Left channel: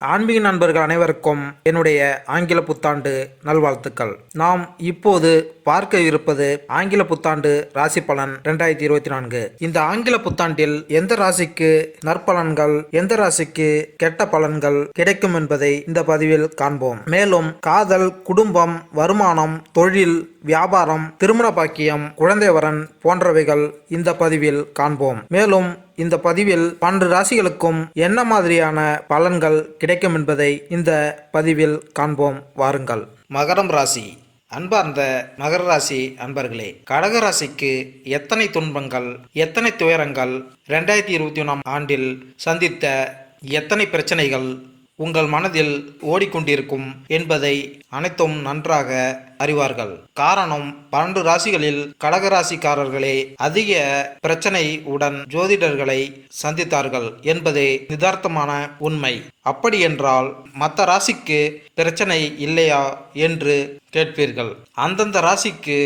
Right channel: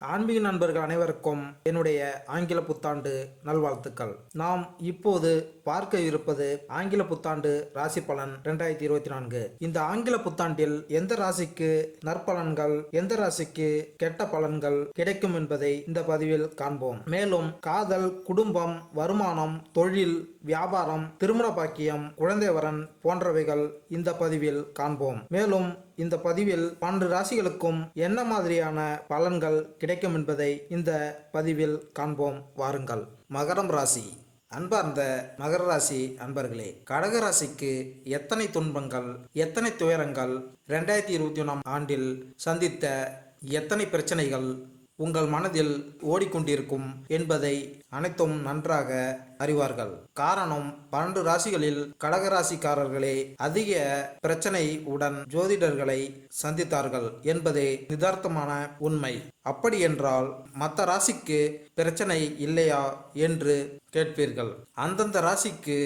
ஆன்மீக நண்பர்கள் அனைவருக்கும் என்னுடைய ஆங்கில புத்தாண்டு நல்வாழ்த்துக்கள். நாம் இப்போது பார்க்க இருப்பது ஆங்கில புத்தாண்டு ராசி பலன் 2024. இந்த ஆங்கில புத்தாண்டில் எந்த ராசிக்கு நற்பலன்கள், எந்த ராசிக்கு கெட்ட பலன்கள் கிடைக்கும் என்பதை இந்த பதிவில் காண்போம். மேலும் காதல், குடும்பம், வருமானம், தொழில், வியாபாரம், திருமண பாக்கியம், குழந்தை வரன் போன்றவைகள் இந்த பதிவில் காண்போம். மேலும் இந்த பதிவில் 12 ராசிகளுக்கும் என்ன மாதிரியான பலன்கள் கிடைக்கும் என்பதை இந்த பதிவில் காண்போம். வாருங்கள். மகரம் ராசி. அன்பார்ந்த மகர ராசி அன்பர்களே, கடக ராசிக்கு எத்தனை துன்பங்கள், எத்தனை துயரங்கள், 2021ஆம் ஆண்டில் சந்தித்த எத்தனை பிரச்சனைகள் உங்கள் மனதில் ஓடிக்கொண்டிருக்கும் என்பதை அனைத்தும் நன்றாக அறிவார்கள். காரணம், 12 ராசிகளில் கடகராசிக்காரர்களே அதிக பிரச்சனை உடன் ஜோதிடர்களை சந்தித்தார்கள் என்பதே யதார்த்தமான உண்மை. அப்படி என்றால் மற்ற ராசிக்கு பிரச்சனை இல்லையா என்று கேட்பீர்கள். அந்தந்த ராசிக்கு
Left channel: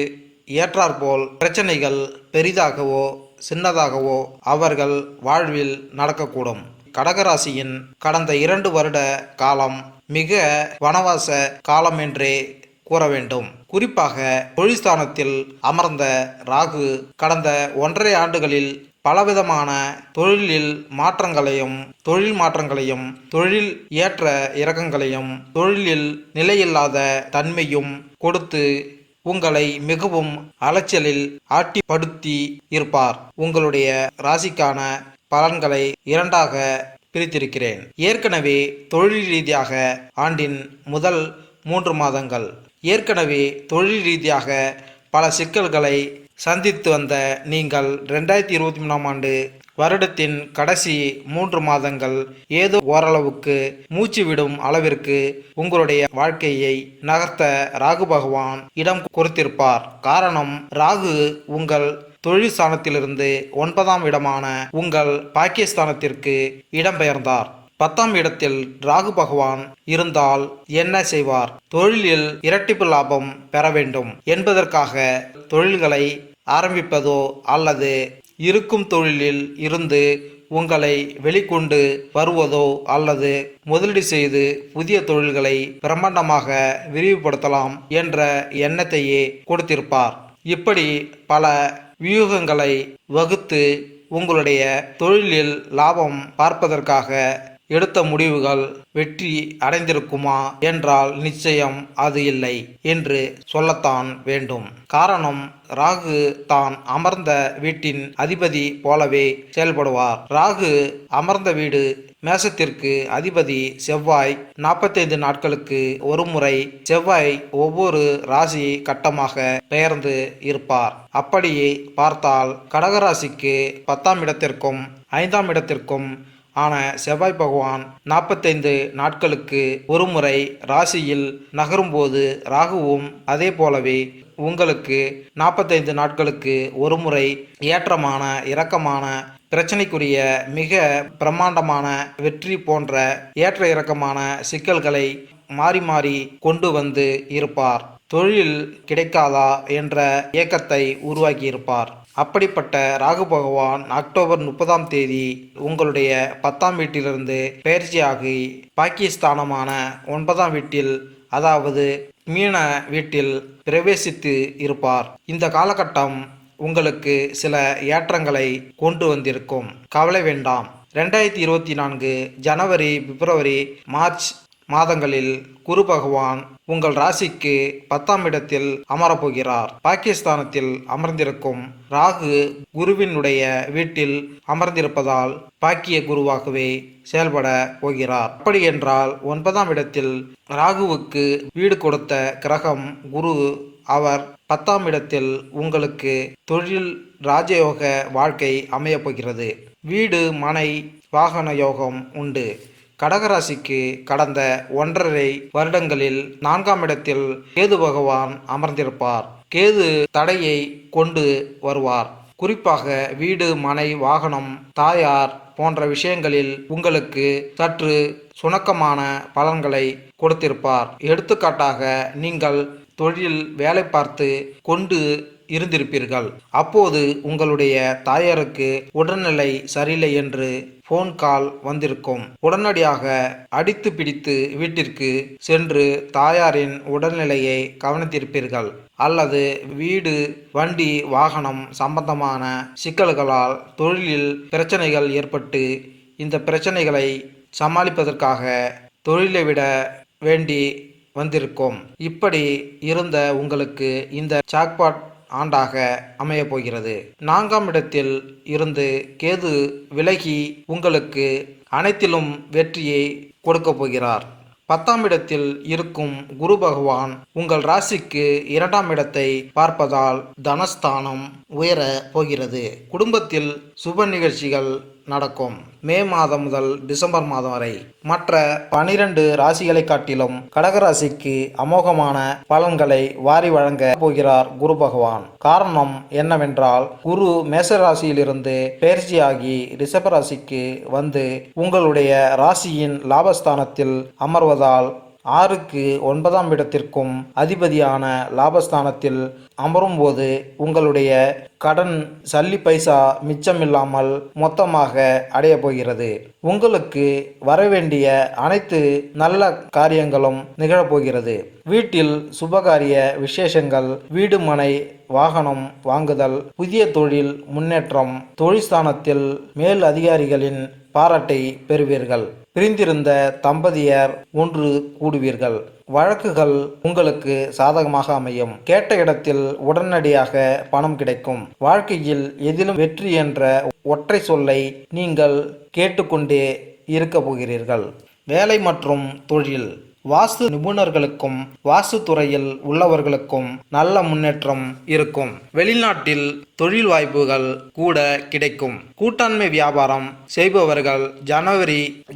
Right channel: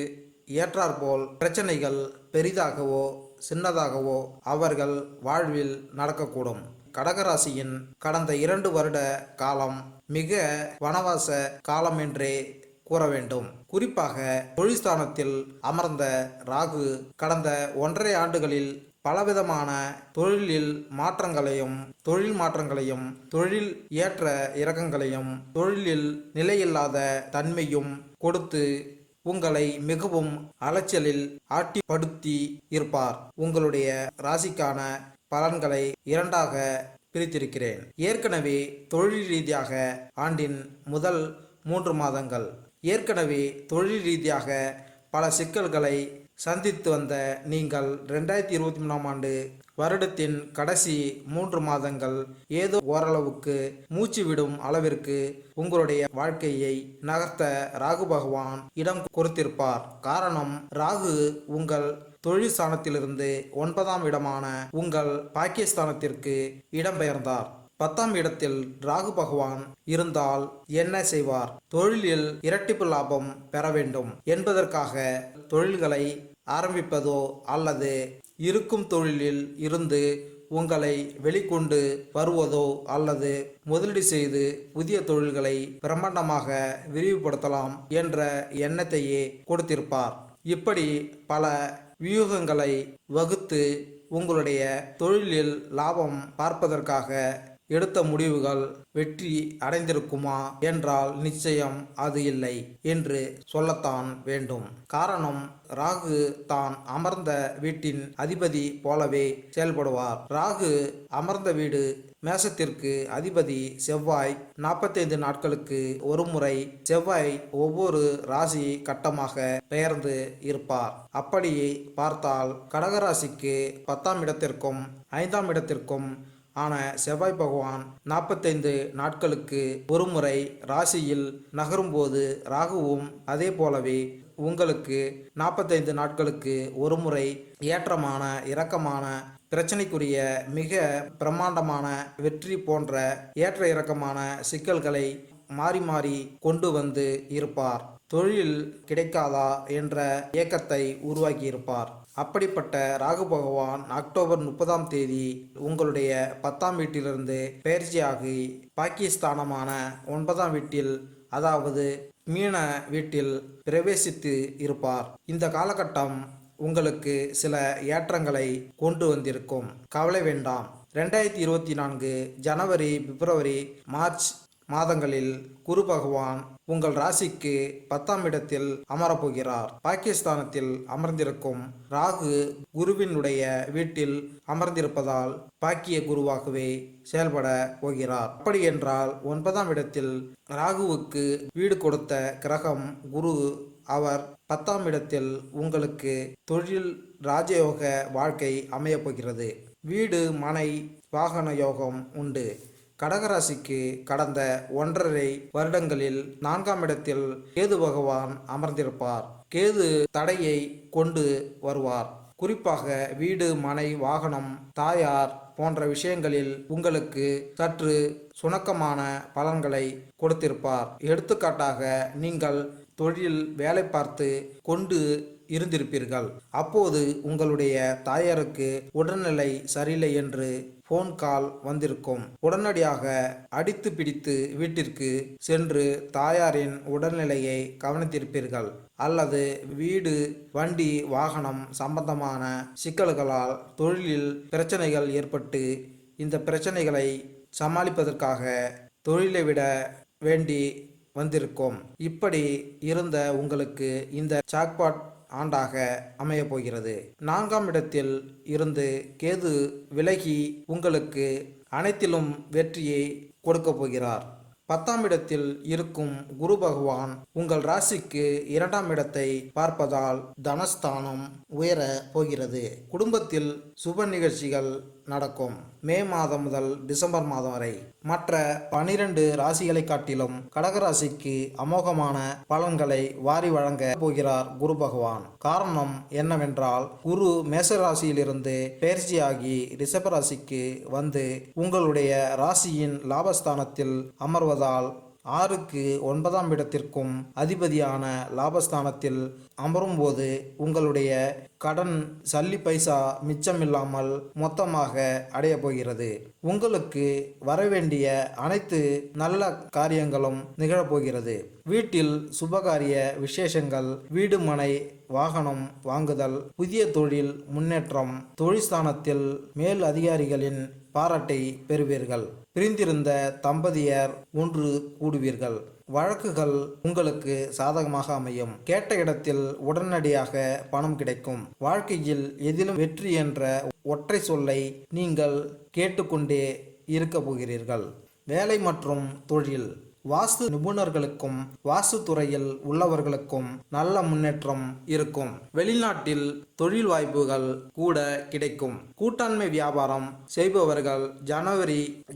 ஏற்றாற்போல் பிரச்சனைகள் பெரிதாகவோ சின்னதாகவோ அவர்கள் வாழ்வில் நடக்கக்கூடும். கடகராசியின் கடந்த 2 வருட காலம் மிக வனவாச காலம் என்றே கூற வேண்டும். குறிப்பாக தொழில்ஸ்தானத்தில் அமர்ந்த ராகு கடந்த 1.5 ஆண்டுகளில் பலவிதமான தொழில் மாற்றங்களையும், தொழில் ஏற்ற இறக்கங்களையும், தொழிலில் நிலையில்லாத தன்மையும் கொடுத்து உங்களை மிகவும் அலைச்சலில் ஆட்டிப்படுத்தி இருப்பார். உங்களுடைய ராசிக்கான பலன்களை 2ஆக பிரித்திருக்கிறேன். ஏற்கனவே தொழில் ரீதியாக ஆண்டின் முதல் 3 மாதங்கள் ஏற்கனவே தொழில் ரீதியாக பல சிக்கல்களை சந்தித்து வந்த நீங்கள் 2023ஆம் ஆண்டு வருடத்தின் கடைசி 3 மாதங்கள் ஏதோ ஓரளவுக்கு மூச்சு விடும் அளவிற்கு உங்களுடைய வாழ்க்கையை நகர்த்த ராகு பகவான் இடம் கொடுத்திருப்பார். காரணம், ராகு உங்கள் தொழில் ஸ்தானத்திலிருந்து 9ஆம் இடமான உங்கள் பாக்கியஸ்தானத்திற்கு இடம்பெயர்ந்தார். 10ஆம் இடத்தில் ராகு பகவான் இருந்தால் என்ன செய்வார்? தொழிலில் இரட்டிப்பு லாபம் பெற வேண்டும் என்பதற்காக தொழில்களை ஆரம்பிப்பதோ அல்லது இருக்கும் தொழிலில் இருந்து உங்களை வெளிக்கொண்டு வருவதோ அல்லது முதலீடு செய்து புதிய தொழில்களை பிரம்மாண்டமாக விரிவுபடுத்தலாம் என்ற எண்ணத்தையே கொடுத்திருப்பார். இப்படி பல வியூகங்களை வகுத்து உங்களுடைய தொழிலில் லாபம் பார்ப்பதற்காக எடுத்த முடிவுகள் வெற்றி அடைந்திருக்குமா என்றால் நிச்சயம் அது இல்லை என்று சொல்லத்தான் வேண்டும். காரணம், ராகு தான் அமர்ந்த வீட்டின் அதிபதி போலவே செயல்படுவார். ராகு அமர்ந்த வீடு மேசத்திற்கு அதிபதி செவ்வாய். 45 நாட்களுக்கு ஒரு முறை செவ்வாய் ஒவ்வொரு ராசி கட்டமாக பெயர்ந்து இருப்பார். அப்படியே பார்த்தால் கடகராசிக்கு 10ஆம் இடத்திற்கும் 5ஆம் இடத்திற்கும் ஆன செவ்வாய் பகவான் 45 நாட்களுக்கு ஒரு முறை ராசியில் நகரும்போது ராகுவும் அதே போலவே உங்களுக்கு 45 நாட்களுக்கு ஒரு முறை ஏற்றமான இறக்கமான பிரச்சனைக்குரிய மிக பிரம்மாண்டமான வெற்றி போன்ற ஏற்ற இறக்கமான சிக்கல்களை மாறி மாறி கொண்டு வந்து இருப்பார். தொழில் கிடைக்காதா என்ற ஏக்கத்தை உருவாக்கியிருப்பார். அப்படிப்பட்ட ராகு பகவான் அக்டோபர் 30ஆம் தேதி உங்களுடைய 10ஆம் வீட்டிலிருந்து பயிற்சியாகி பாக்கியஸ்தானமான 9ஆம் வீட்டில், அதாவது மீன வீட்டில் பிரவேசித்து இருப்பார். இந்த காலகட்டம் உங்களுக்கு சில ஏற்றங்களை கொண்டு வந்திருக்கும். கவலை வேண்டாம். 2024 ஜனவரி, பிப்ரவரி, மார்ச் மாதங்களில் குரு பகவான் உங்கள் ராசிக்கு 10ஆம் இடத்தில் அமரப்போகிறார். பாகிஸ்தானத்தில் அமர்ந்திருக்கும் ராகு குருவினுடைய வீட்டில் அமர்ந்திருப்பதால் பாக்கிய குருவாகவே செயல்பட போகிறார். அப்படி என்றால் 9ஆம் இடத்தில் ராகுவுக்கு வீடு கொடுத்த கிரகம் குரு. அவர் 10ஆம் இடத்தில் உங்களுக்கு தொழில் ராஜயோக வாழ்க்கை அமையப் போகிறது. வீடு, மனை, வாகன யோகம் உண்டு. கடகராசிக்கு கடந்த 1.5 வருடங்களில் 4ஆம் இடத்தில் கேது பகவான் அமர்ந்திருப்பார். கேது தடையை கொண்டு வருவார். குறிப்பாக வீடு, மனை, வாகனம், தாயார் போன்ற விஷயங்களில் உங்களுக்கு சற்று சுணக்கமான பலன்களை கொடுத்திருப்பார். எடுத்துக்காட்டாக, நீங்கள் தொழில் வேலை பார்த்து கொண்டு இருந்திருப்பீர்கள். அப்போது உங்களுடைய தாயாருக்கு உடல்நிலை சரியில்லை என்று போன் கால் வந்திருக்கும். உடனடியாக அடித்து பிடித்து வீட்டிற்கு சென்று தாயாரின் உடல்நிலையை கவனித்திருப்பீர்கள். அல்லது வீடு, வண்டி, வாகனம் சம்பந்தமான சிக்கல்களால் தொழிலில் பிரச்சனைகள் ஏற்பட்டு இந்த பிரச்சனைகளை சமாளிப்பதற்காக தொழிலை விட வேண்டி வந்திருக்கும். இப்படி இருந்த உங்களுக்கு இந்த ஜாக்பாட் ஆண்டாக அமைய போகிறது. 4ஆம் இடத்தில் இருந்து கேது விலகி உங்களுக்கு அனைத்திலும் வெற்றியை கொடுக்க போகிறார். 10ஆம் இடத்தில் இருக்கும் குரு பகவான் உங்கள் ராசிக்கு 2ஆம் இடத்தை பார்ப்பதால் தனஸ்தானம் உயர போகிறது. குடும்பத்தில் சுப நிகழ்ச்சிகள் நடக்கும். மே மாதம் முதல் டிசம்பர் மாதம் வரை மற்ற 12 ராசிகளை காட்டிலும் கடகராசிக்கு அமோகமான பலன்களை வாரி வழங்க போகிறார் குரு பகவான். காரணம் என்னவென்றால், குரு மேசராசியிலிருந்து பெயர்ச்சியாகி ரிஷப ராசிக்கு வந்து உங்களுடைய ராசியின் லாபஸ்தானத்தில் அமர்வதால் 6க்கு 9ஆம் இடத்திற்கும் அதிபதியான லாபஸ்தானத்தில் அமரும்போது உங்களுடைய கடன் சல்லி பைசா மிச்சமில்லாமல் மொத்தமாக அடைய போகிறது. உங்களுக்கு வரவேண்டிய அனைத்து நல்ல காரியங்களும் நிகழப்போகிறது. வீட்டில் சுபகாரிய விசேஷங்கள், வீடு, மனை, வாகனம் வாங்குதல், புதிய தொழில் முன்னேற்றம், தொழிற்ஸ்தானத்தில் மேல் அதிகாரிகளின் பாராட்டை பெறுவீர்கள். பிரிந்திருந்த தம்பதியர் ஒன்று கூடுவீர்கள். வழக்குகள் உங்களுக்கு சாதகமாக அமையும். கேட்ட இடத்தில் உடனடியாக பணம் கிடைக்கும். வாழ்க்கையில் எதிலும் வெற்றி என்ற ஒற்றை சொல்லை நீங்கள் கேட்டுக்கொண்டே இருக்க போகிறீர்கள். வேலை மற்றும் தொழில், வாஸ்து நிபுணர்களுக்கும் வாஸ்து துறையில் உள்ளவர்களுக்கும் நல்ல முன்னேற்றம் இருக்கும். வெளிநாட்டில் தொழில் வாய்ப்புகள் கூட கிடைக்கும். கூட்டாண்மை வியாபாரம் செய்பவர்கள்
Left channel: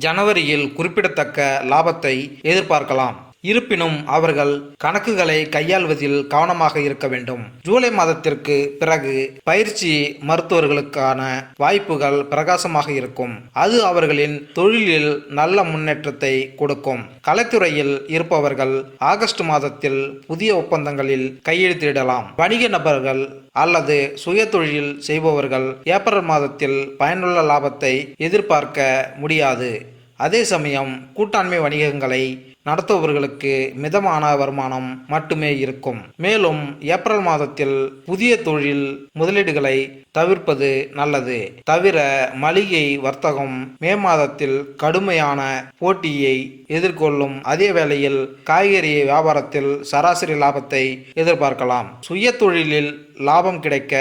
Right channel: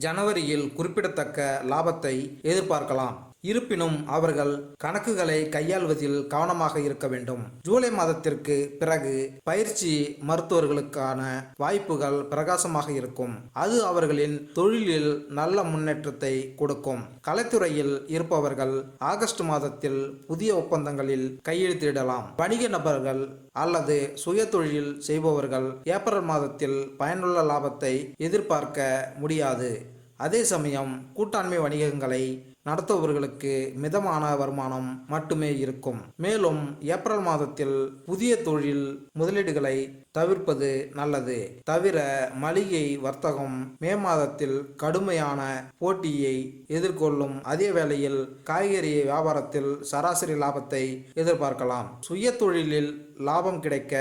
ஜனவரியில் குறிப்பிடத்தக்க லாபத்தை எதிர்பார்க்கலாம். இருப்பினும் அவர்கள் கணக்குகளை கையாள்வதில் கவனமாக இருக்க வேண்டும். ஜூலை மாதத்திற்கு பிறகு பயிற்சி மருத்துவர்களுக்கான வாய்ப்புகள் பிரகாசமாக இருக்கும். அது அவர்களின் தொழிலில் நல்ல முன்னேற்றத்தை கொடுக்கும். கலைத்துறையில் இருப்பவர்கள் ஆகஸ்ட் மாதத்தில் புதிய ஒப்பந்தங்களில் கையெழுத்திடலாம். வணிக நபர்கள் அல்லது சுய தொழில் செய்பவர்கள் ஏப்ரல் மாதத்தில் பயனுள்ள லாபத்தை எதிர்பார்க்க முடியாது. அதே சமயம் கூட்டாண்மை வணிகங்களை நடத்துபவர்களுக்கு மிதமான வருமானம் மட்டுமே இருக்கும். மேலும் ஏப்ரல் மாதத்தில் புதிய தொழில் முதலீடுகளை தவிர்ப்பது நல்லது. தவிர மளிகை வர்த்தகம் மே மாதத்தில் கடுமையான போட்டியை எதிர்கொள்ளும். அதே வேளையில் காய்கறி வியாபாரத்தில் சராசரி லாபத்தை எதிர்பார்க்கலாம். சுய தொழிலில் லாபம் கிடைக்க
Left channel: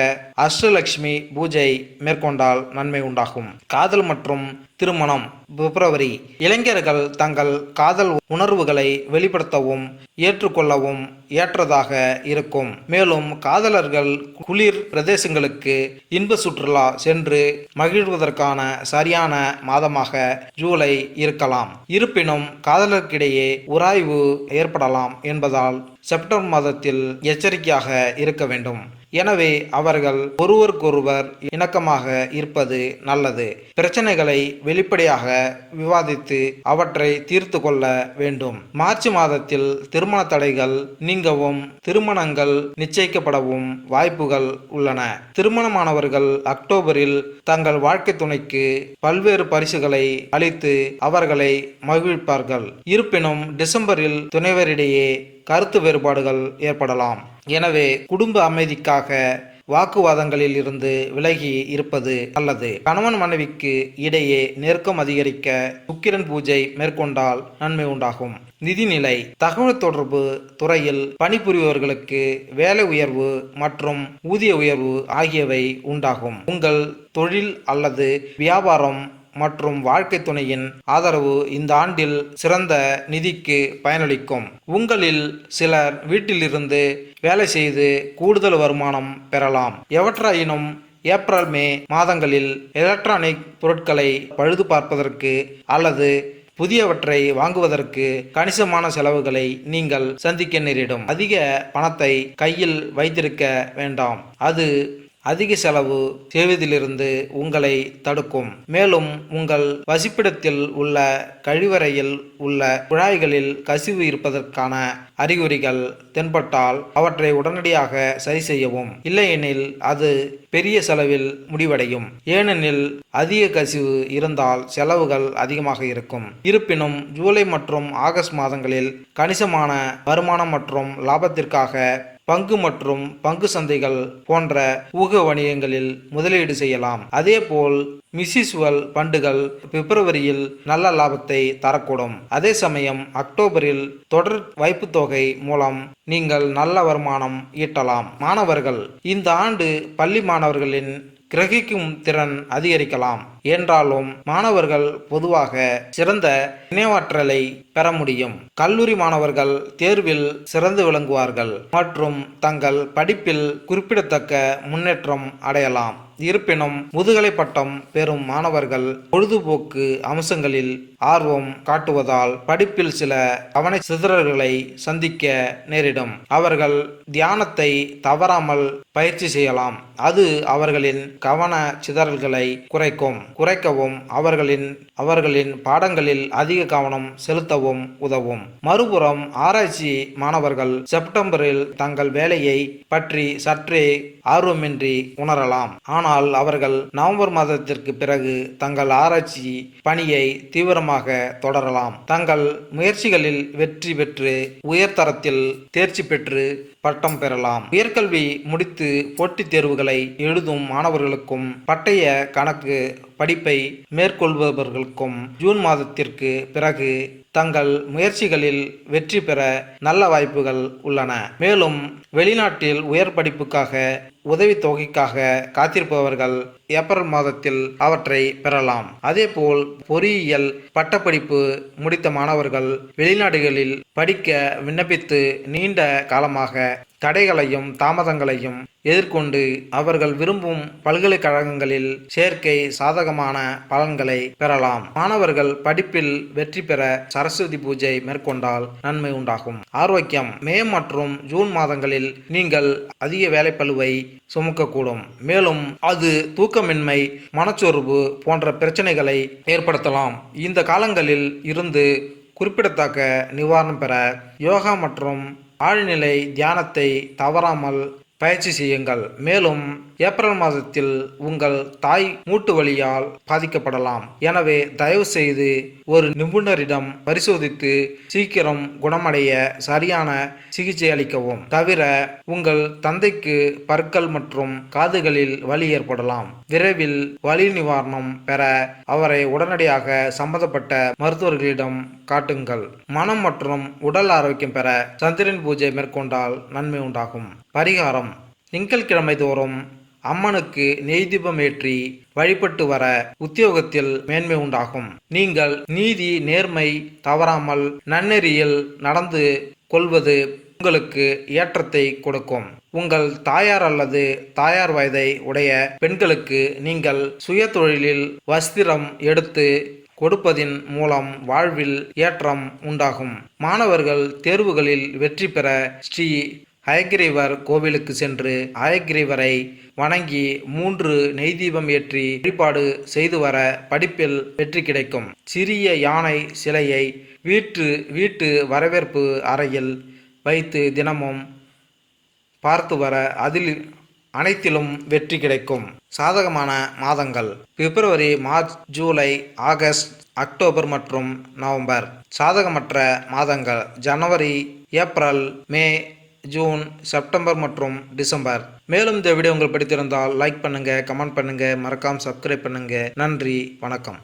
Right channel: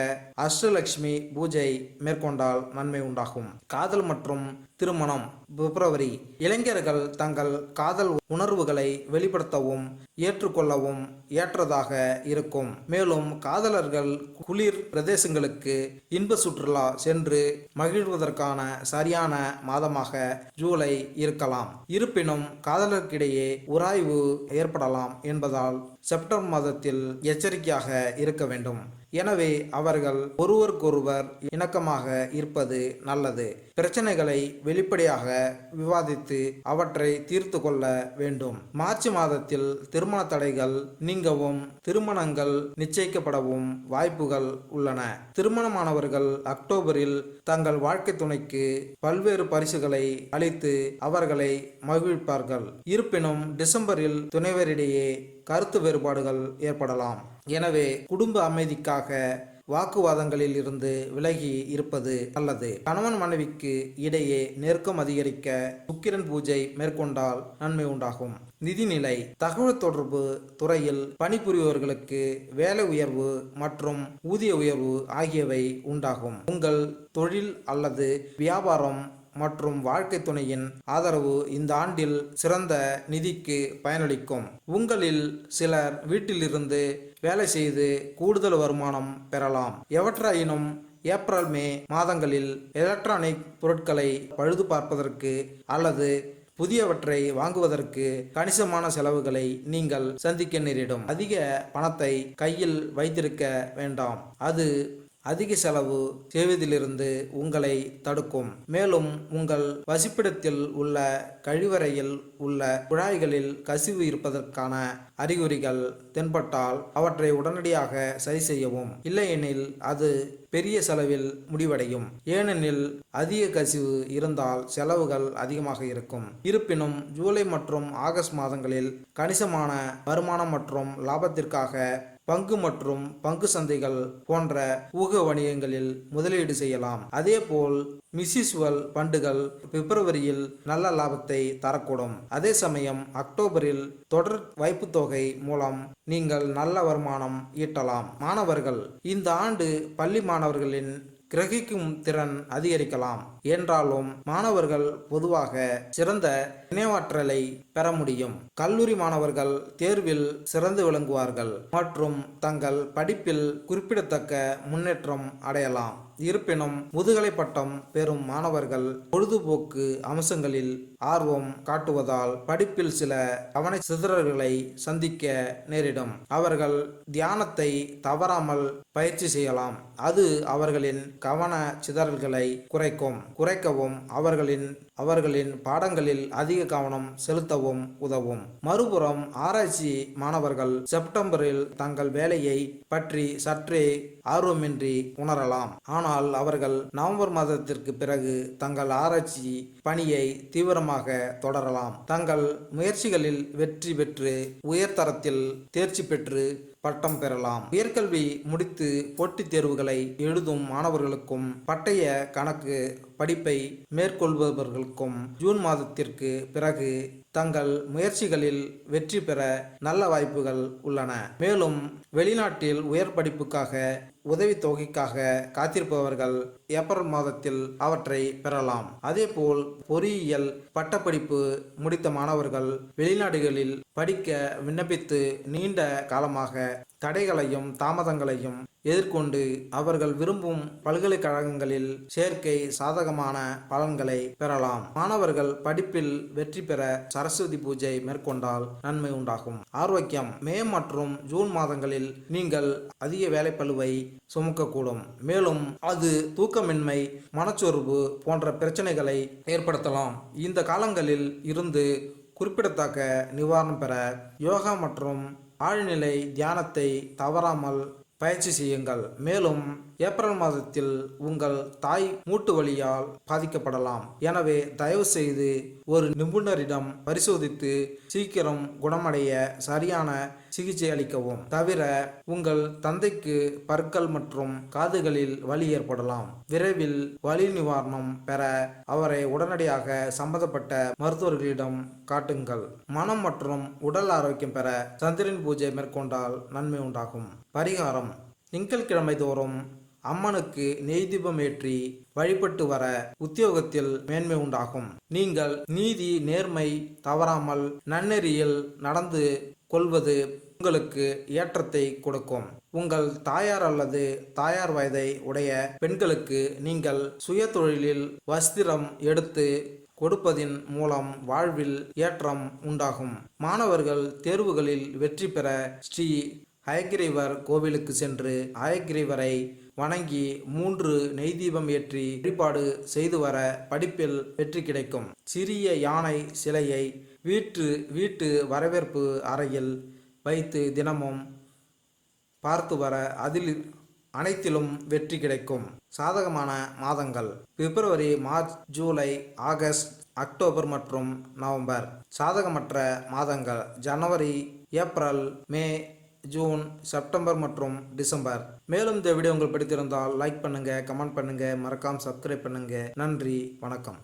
அஷ்டலட்சுமி பூஜை மேற்கொண்டால் நன்மை உண்டாகும். காதல் மற்றும் திருமணம் பிப்ரவரி. இளைஞர்கள் தங்கள் காதல் உணர்வுகளை வெளிப்படுத்தவும் ஏற்றுக்கொள்ளவும் ஏற்றதாக இருக்கும். மேலும் காதலர்கள் குளிர் பிரதேசங்களுக்கு இன்ப சுற்றுலா சென்று மகிழ்வதற்கான சரியான மாதமாக ஜூலை இருக்கலாம். இருப்பினும் காதலர்களிடையே உராய்வு ஏற்படலாம் என்பதால் செப்டம்பர் மாதத்தில் எச்சரிக்கையாக இருக்க வேண்டும். எனவே அவர்கள் ஒருவருக்கொருவர் இணக்கமாக இருப்பது நல்லது. பிரச்சனைகளை வெளிப்படையாக விவாதித்து அவற்றை தீர்த்து கொள்ள வேண்டும். மார்ச் மாதத்தில் திருமண தடைகள் நீங்கவும் திருமணங்கள் நிச்சயிக்கப்படவும் வாய்ப்புகள் உள்ளன. திருமணமானவர்கள் அக்டோபரில் தங்கள் வாழ்க்கை துணைக்கு பல்வேறு பரிசுகளை அளித்து அவர்களை மகிழ்விப்பார்கள். இருப்பினும் டிசம்பரில் துணைவரிடையே கருத்து வேறுபாடுகள் ஏற்படலாம். எனவே குடும்ப அமைதிக்காக வாக்குவாதங்களில் இருந்து விலகி இருப்பது நல்லது. கணவன் மனைவிக்கு இடையே நெருக்கம் அதிகரிக்க சுக்கிரன் பூஜை மேற்கொண்டால் நன்மை உண்டாகும். நிதிநிலை, தகவல் தொடர்பு துறையில் பணிபுரிபவர்களுக்கு வேலை உயர்வு மற்றும் ஊதிய உயர்வு ஆகியவை உண்டாகும். உங்கள் தொழில் அல்லது வியாபாரம் மற்றும் வாழ்க்கை துணையின் ஆதரவு இந்த ஆண்டில் சிறந்த நிதிக்கு பயனளிக்கும். உங்களில் சிலர் வீட்டிலிருந்து வேலை செய்து கூடுதல் வருமானம் பெறலாம். எவற்றாயினும் ஏப்ரல் மே மாதங்களில் எலக்ட்ரானிக் பொருட்களை பழுது பார்ப்பதற்கு அல்லது புதியவற்றை வாங்குவதற்கு கணிசமான செலவுகளை நீங்கள் சந்திக்க நேரிடும். அதிக பணத்தை கையில் வைத்திருக்க வேண்டாம். அது அதிக செலவு செய்வதிலிருந்து உங்களை தடுக்கும். மேலும் உங்கள் வசிப்பிடத்தில் உள்ள கழிவறையில் உள்ள குழாய்களில் கசிவு இருப்பதற்கான அறிகுறிகள் தென்பட்டால் அவற்றை உடனடியாக சரி செய்யவும். இல்லையெனில் அது பெரிய செலவில் முடிவடையும். ஏனெனில் அதிக கசிவு இருந்தால் செலவுகள் அதிகமாக இருக்கும். இருப்பினும் ஜூலை மற்றும் ஆகஸ்ட் மாதங்களில் கணிசமான வருமானம் மற்றும் லாபத்திற்காக பங்கு மற்றும் பங்கு சந்தைகள் போன்ற ஊக வணிகங்களில் முதலீடு செய்யலாம். அதேபோல் மியூச்சுவல் ஃபண்டுகள் பிப்ரவரியில் நல்ல லாபத்தை தரக்கூடும். அதே சமயம் அக்டோபரில் தொடர் வைப்புத் தொகை மூலம் நீங்கள் நல்ல வருமானம் ஈட்டலாம். மாணவர்கள், இந்த ஆண்டு பள்ளி மாணவர்களின் கிரகிக்கும் திறன் அதிகரிக்கலாம் என்றாலும் மாணவர்கள் பொதுவாக சிறந்த நினைவாற்றலை பெற முடியும். கல்லூரி மாணவர்கள் தேர்வில் சிறந்து விளங்குவார்கள் மற்றும் தங்கள் படிப்பில் குறிப்பிடத்தக்க முன்னேற்றம் அடையலாம். இருப்பினும் முதுகலை பட்டம் பெறும் மாணவர்கள் பொழுதுபோக்கு அம்சங்களில் ஆர்வம் காட்டுவதால் படிப்பில் சில கவன சிதறல்களை சந்திக்க நேரிடும். அவர்கள் தியானத்தை தவறாமல் பயிற்சி செய்யலாம். அது அவர்களின் கவன சிதறல்களை குறைக்கவும் அவர்களின் பாடங்களில் அதிக கவனம் செலுத்தவும் உதவும். மறுபுறம் ஆராய்ச்சி மாணவர்கள் செப்டம்பரில் தங்கள் வேலையை பற்றி சற்றே ஆர்வமின்றி உணரலாம். ஆனால் அவர்கள் நவம்பர் மாதத்திற்கு பிறகு தங்கள் ஆராய்ச்சி பணியை தீவிரமாக தொடரலாம். தங்கள் முயற்சிகளில் வெற்றி பெற்று உயர்தரத்தில் தேர்ச்சி பெற்று பட்டம் பெறலாம். உயர்கல்வி முடித்து போட்டித் தேர்வுகளை எழுதும் மாணவர்களுக்கும் பட்டய கணக்கு படிப்பை மேற்கொள்பவர்களுக்கும் ஜூன் மாதத்திற்கு பிறகு தங்கள் முயற்சிகளில் வெற்றி பெற நல்ல வாய்ப்புகள் உள்ளன. மேலும் வெளிநாட்டில் உயர் படிப்புக்காக உதவித்தொகைக்காக காத்திருப்பவர்கள் ஏப்ரல் மாதத்தில் அவற்றை பெறலாம். அதேபோல் பொறியியல் பட்டப்படிப்பு முடித்த மாணவர்கள் வெளிநாடுகளில் படிக்க விண்ணப்பித்து நீண்ட காலமாக தடைகளையும் தாமதங்களையும் எதிர்கொண்டு அவர்கள் விரும்பும் பல்கலைக்கழகங்களில் சேர்க்கை சாதகமான பலன்களை பெறலாம். மாணவர்கள் படிப்பில் வெற்றி பெற சரஸ்வதி பூஜை மேற்கொண்டால் நன்மை உண்டாகும். ஆரோக்கியம், மே மற்றும் ஜூன் மாதங்களில் நீங்கள் அதிக வேலைப்பளுவை சுமக்கக்கூடும். மேலும் அது தூக்கமின்மை, மனச்சோர்வு போன்ற பிரச்சனைகளை ஏற்படுத்தலாம். இந்த காலங்களில் இருந்து குறிப்பிடத்தக்க நிவாரணம் பெற யோகா மற்றும் ஆழ்நிலை தியானத்தை தவறாமல் பயிற்சி செய்யுங்கள். மேலும் ஏப்ரல் மாதத்தில் உங்கள் தாய் மூட்டு வலியால் பாதிக்கப்படலாம். எனவே தயவு செய்து ஒரு நிபுணரிடம் பரிசோதித்து சீக்கிரம் குணமடைய சரியான சிகிச்சை அளிக்கவும். தவிர உங்கள் தந்தைக்கு பற்கள் மற்றும் காதுகளில் வலி ஏற்படலாம். விரைவில் வலி நிவாரணம் பெற அவரை உடனடியாக சம்பந்தப்பட்ட மருத்துவர்களிடம் காட்டுங்கள். மனம் மற்றும் உடல் ஆரோக்கியம் பெற சந்திரன் பூஜை மேற்கொண்டால் நன்மை உண்டாகும். பரிகாரம்: திங்கட்கிழமை தோறும் அம்மனுக்கு நெய் தீபம் ஏற்றி வழிபட்டு வர உத்தியோகத்தில் மேன்மை உண்டாகும். நீங்கள் நீதி, நேர்மை தவறாமல் நன்னெறியில் நடந்து கொள்வது உங்களுக்கு ஏற்றத்தை கொடுக்கும். உங்கள் தாயார் அல்லது தாயார் வயதை உடைய பெண்களுக்கு நீங்கள் சுய தொழிலில் வஸ்திரம் எடுத்து கொடுப்பதின் மூலம் வாழ்வில் ஏற்றம் உண்டாகும். மாணவர்கள் தேர்வுகளில் வெற்றி பெற ஸ்ரீ ஹயக்கிரீவர் கோவிலுக்கு சென்று ஹயக்கிரீவரை வணங்கி 3 நெய் தீபம் ஏற்றி வழிபாடு செய்து வர படிப்பில் வெற்றி கிடைக்கும். சிறிய யானை சிலையை வீட்டு வரவேற்பு அறையில் வைத்து தினமும் பார்த்து வர அதில் அனைத்திலும் வெற்றி கிடைக்கும். சாதகமான மாதங்கள்: பிப்ரவரி, மார்ச், ஜூலை, ஆகஸ்ட், அக்டோபர் மற்றும் நவம்பர். சாதகமற்ற மாதங்கள்: ஜனவரி, ஏப்ரல், மே, ஜூன், செப்டம்பர் மற்றும் டிசம்பர். மேலும் இந்த வீடியோ உங்களுக்கு பிடித்திருந்தால் லைக் பண்ணுங்க, கமெண்ட் பண்ணுங்க, மறக்காம சப்ஸ்கிரைப் பண்ணுங்க. நன்றி, வணக்கம்.